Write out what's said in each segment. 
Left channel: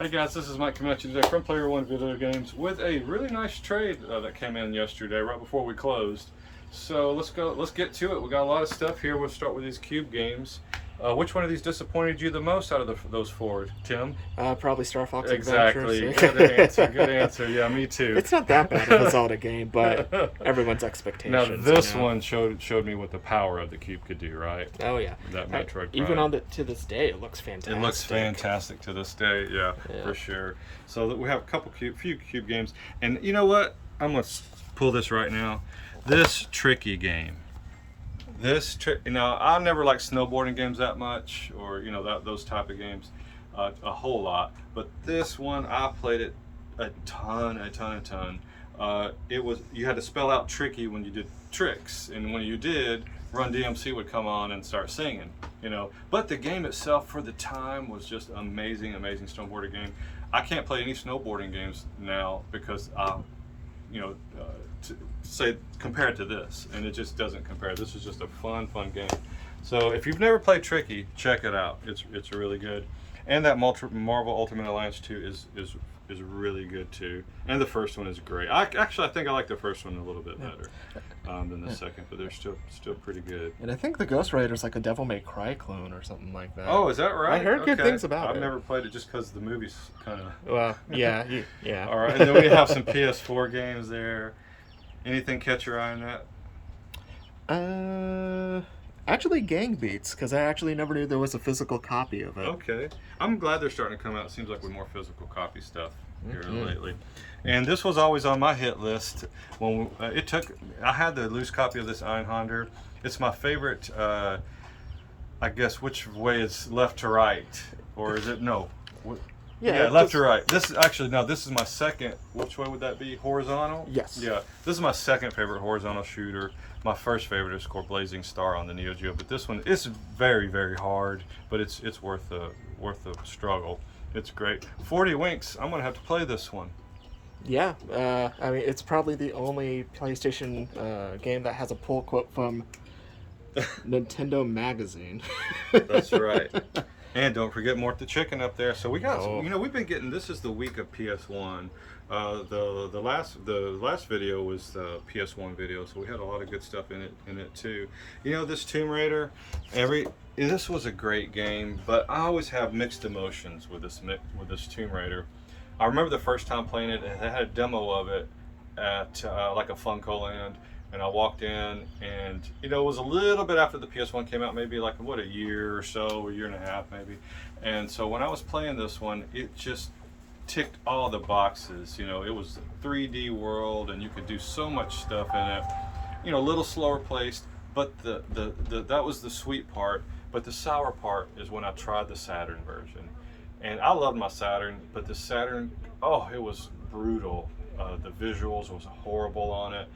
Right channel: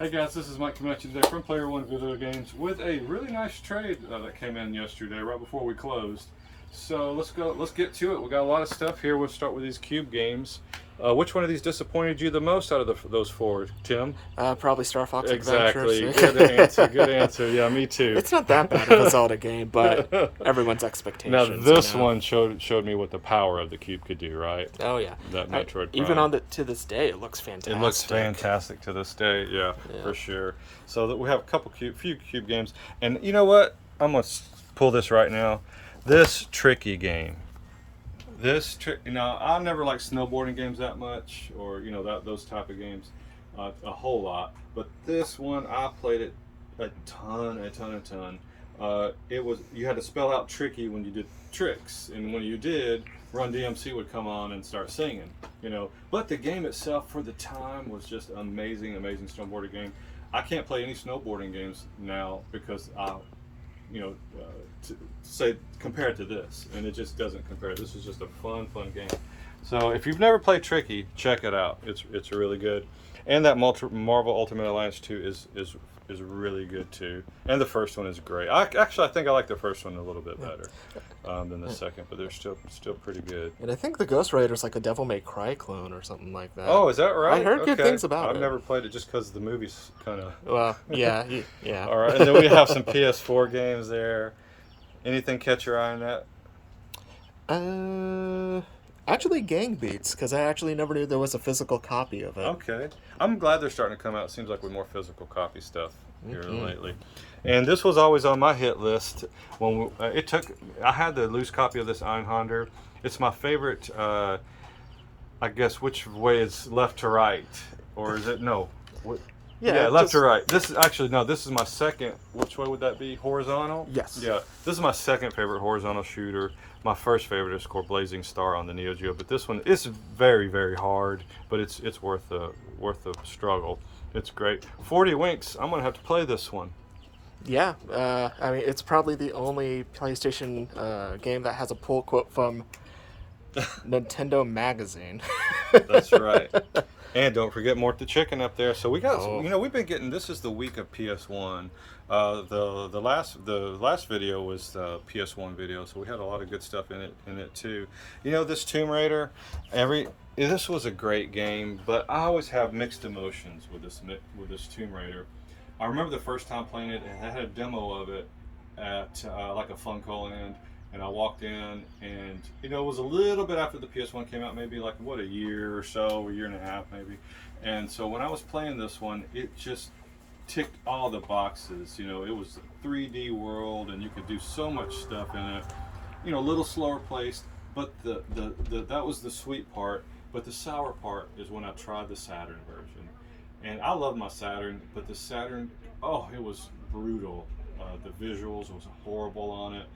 Hey guys, this is Mike coming at you today from Player One Video Games with a really nice trade that came in yesterday, right before we closed. So let's get to it. We got a lot of stuff here. We'll start with these cube games. Which one of these disappointed you the most out of those four, Tim? Probably Star Fox Exactly. Adventures. Good answer. Good answer. Yeah, me too. It's not that bad of a Zelda game, but everyone's Now expectations. this you know? one showed me what the power of the cube could do, right? Oh yeah, That Metroid even Prime. to this day, it looks fantastic. It looks fantastic to this day, yeah, Yeah. for sure. So that we have a few cube games, and you know what? I'm gonna pull this right now. This tricky game. I never liked snowboarding games that much, or those type of games, a whole lot. But this one, I played it a ton. You had to spell out tricky when you did tricks, and when you did, Run DMC would come on and start singing. But the game itself, for the time, was just amazing snowboarding game. I can't play any snowboarding games now because say compare it to this, and it just doesn't compare. This is just a fun game. So if you've never played Tricky, check it out. It's really good. And that Marvel Ultimate Alliance 2 is really good too. And the first one is great. I think I like the first one a little bit better than the second, but they're still pretty good. And I think the Ghost Rider's like a Devil May Cry clone or something like that. Oh, is that right? I heard good things about it. I've never played it just because the movie's kind of. Well, yeah. All right, and then we have some PS4 games there. Anything catch your eye on that? Actually, Gang Beats, because I actually never knew there was a physical copy of it. Okay, I'm glad they're starting to come out. It seems like with more physical copy stuff here lately. And this was always on my hit list. When I had the loose copy of this Einhander. It's my favorite. I guess which way is left to right, or is it no? Yeah, left to right. This is my second. Which way would that be? Horizontal? Yes. Yeah, this is my second favorite horizontal shooter. My first favorite is called Blazing Star on the Neo Geo, but this one is very, very hard, but it's worth the struggle. It's great. 40 winks. I'm gonna have to play this one. Yeah, I mean, it's probably the only PlayStation game that has a pull quote from Nintendo Magazine. That's right. And don't forget Mort the Chicken up there. So we got, we've been getting. This is the week of PS1. The last video was the PS1 video, so we had a lot of good stuff in it too. This Tomb Raider. This was a great game, but I always have mixed emotions with this Tomb Raider. I remember the first time playing it, and I had a demo of it at like a Funko Land. And I walked in, and it was a little bit after the PS1 came out, maybe like a year or so, a year and a half maybe. And so when I was playing this one, it just ticked all the boxes. It was a 3D world, and you could do so much stuff in it. A little slower paced, but that was the sweet part. But the sour part is when I tried the Saturn version, and I loved my Saturn, but the Saturn, it was brutal. The visuals was horrible on it.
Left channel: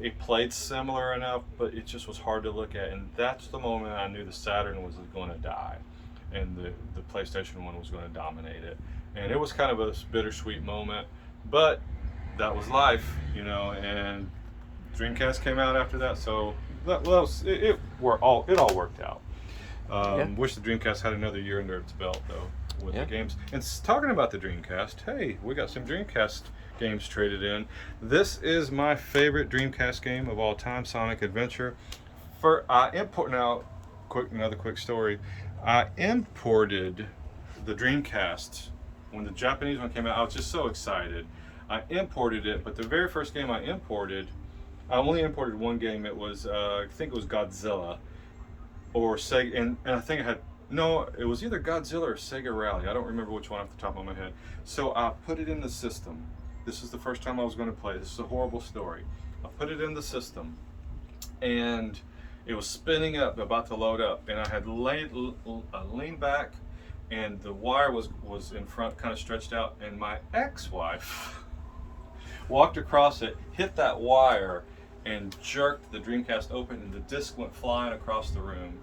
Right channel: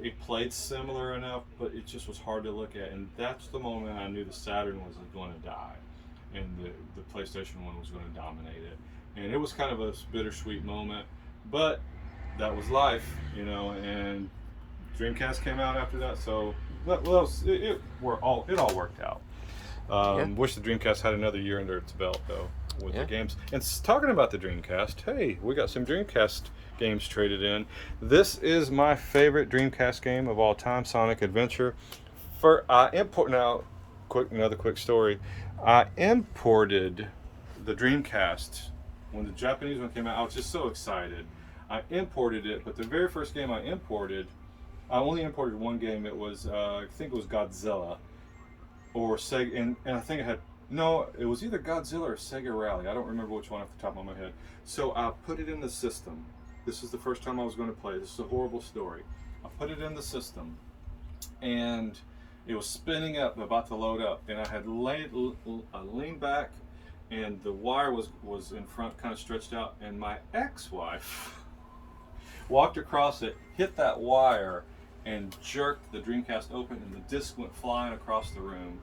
It played similar enough, but it just was hard to look at, and that's the moment I knew the Saturn was going to die, and the PlayStation 1 was going to dominate it. And it was kind of a bittersweet moment, but that was life, and Dreamcast came out after that, so it all worked out. Wish the Dreamcast had another year under its belt, though, with the games. And talking about the Dreamcast, hey, we got some Dreamcast games traded in. This is my favorite Dreamcast game of all time, Sonic Adventure. Another quick story. I imported the Dreamcast when the Japanese one came out. I was just so excited. I imported it, but the very first game I only imported one game. It was I think it was Godzilla or Sega, and I think it was either Godzilla or Sega Rally. I don't remember which one off the top of my head. So I put it in the system. This is the first time I was going to play. This is a horrible story. I put it in the system, and it was spinning up, about to load up, and I had leaned back, and the wire was in front, kind of stretched out, and my ex-wife walked across it, hit that wire, and jerked the Dreamcast open, and the disc went flying across the room.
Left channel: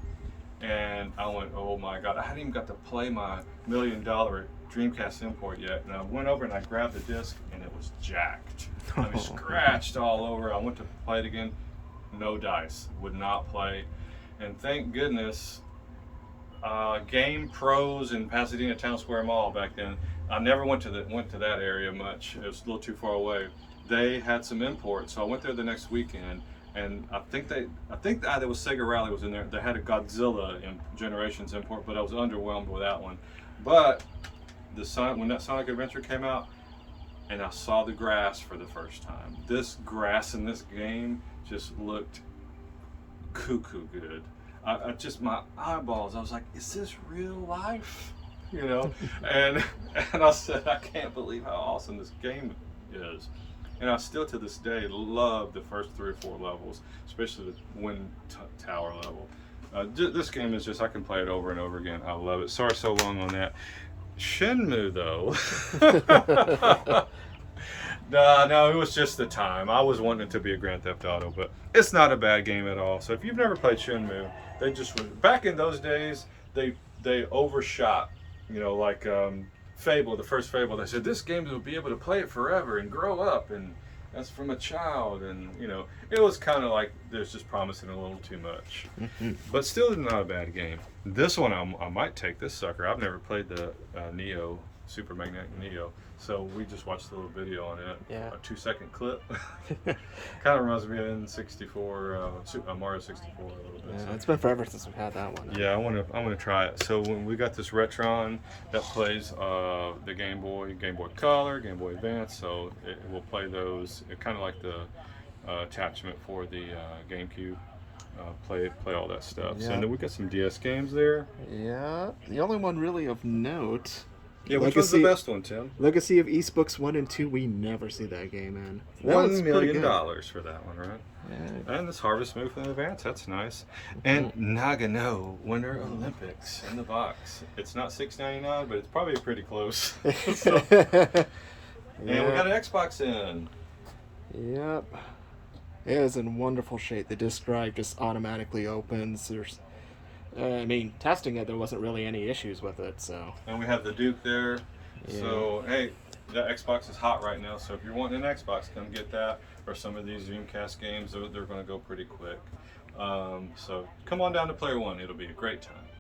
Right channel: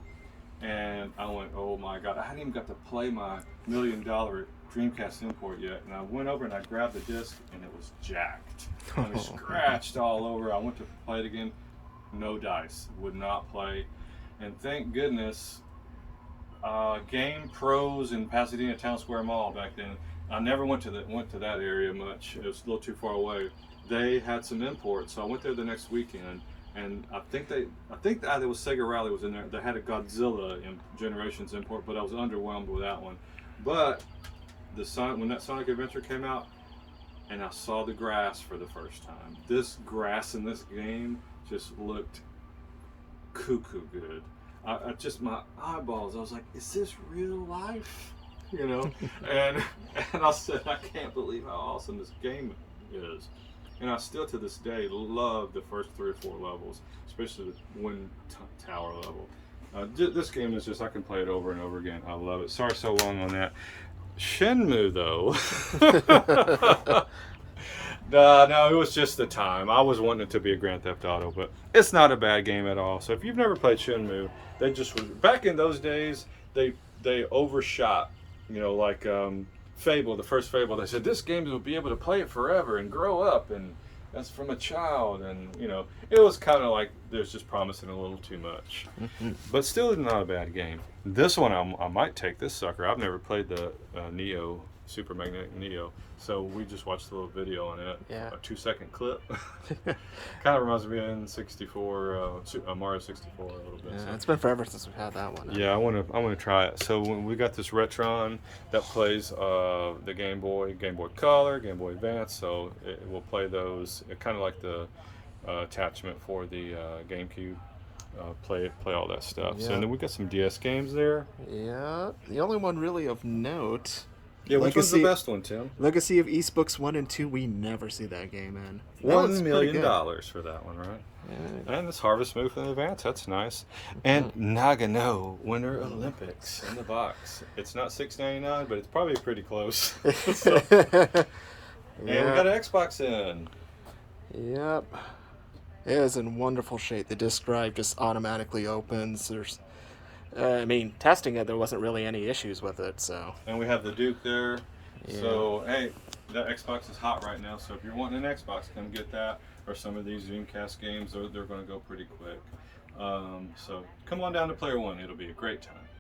And I went, oh my God, I hadn't even got to play my $1 million Dreamcast import yet. And I went over and I grabbed the disc, and it was jacked. I mean, scratched all over. I went to play it again, no dice, would not play. And thank goodness Game Pros in Pasadena Town Square Mall back then. I never went to that area much. It was a little too far away. They had some imports, so I went there the next weekend, and I think there was Sega Rally was in there. They had a Godzilla in Generations import, but I was underwhelmed with that one. But when that Sonic Adventure came out, and I saw the grass for the first time. This grass in this game just looked cuckoo good. I just my eyeballs. I was like, "Is this real life?" You know, and I said, "I can't believe how awesome this game is." And I still to this day love the first 3 or 4 levels, especially the Wind Tower level. This game is just I can play it over and over again. I love it. Sorry so long on that. Shenmue though. No, it was just the time. I was wanting it to be a Grand Theft Auto, but it's not a bad game at all. So if you've never played Shenmue, they just back in those days they overshot. You know, like Fable, the first Fable. They said this game will be able to play it forever and grow up, and that's from a child. And you know, it was kind of like there's just promising a little too much, but still not a bad game. This one I might take this sucker. I've never played the Neo Super Magnetic Neo. So we just watched a little video on it. Yeah. A 2-second clip. Kind of reminds me of N64, Mario 64 a little bit. Yeah, So. it's been forever since we've had that one. Yeah, I want to try it. So when we got this Retron that plays the Game Boy Color, Game Boy Advance. So it will play those. Kind of like the attachment for the GameCube. Play all that stuff. Yeah. So then we got some DS games there. Yeah. The only one really of note. Yeah, which was the best one, Tim? Legacy of East Books 1 and 2. We never see that game in. That $1 was pretty good. million for that one, right? Yeah. And this Harvest Moon from the Advance, that's nice. And Nagano Winter Olympics in the box. It's not $6.99, but it's probably pretty close. So, Yeah. and we got an Xbox in. Yep. It is in wonderful shape. The disk drive just automatically opens. There's, testing it, there wasn't really any issues with it. So. And we have the Duke there. Yeah. So, hey, the Xbox is hot right now. So if you're wanting an Xbox, come get that. Or some of these Dreamcast games, they're going to go pretty quick. So come on down to Player One. It'll be a great time.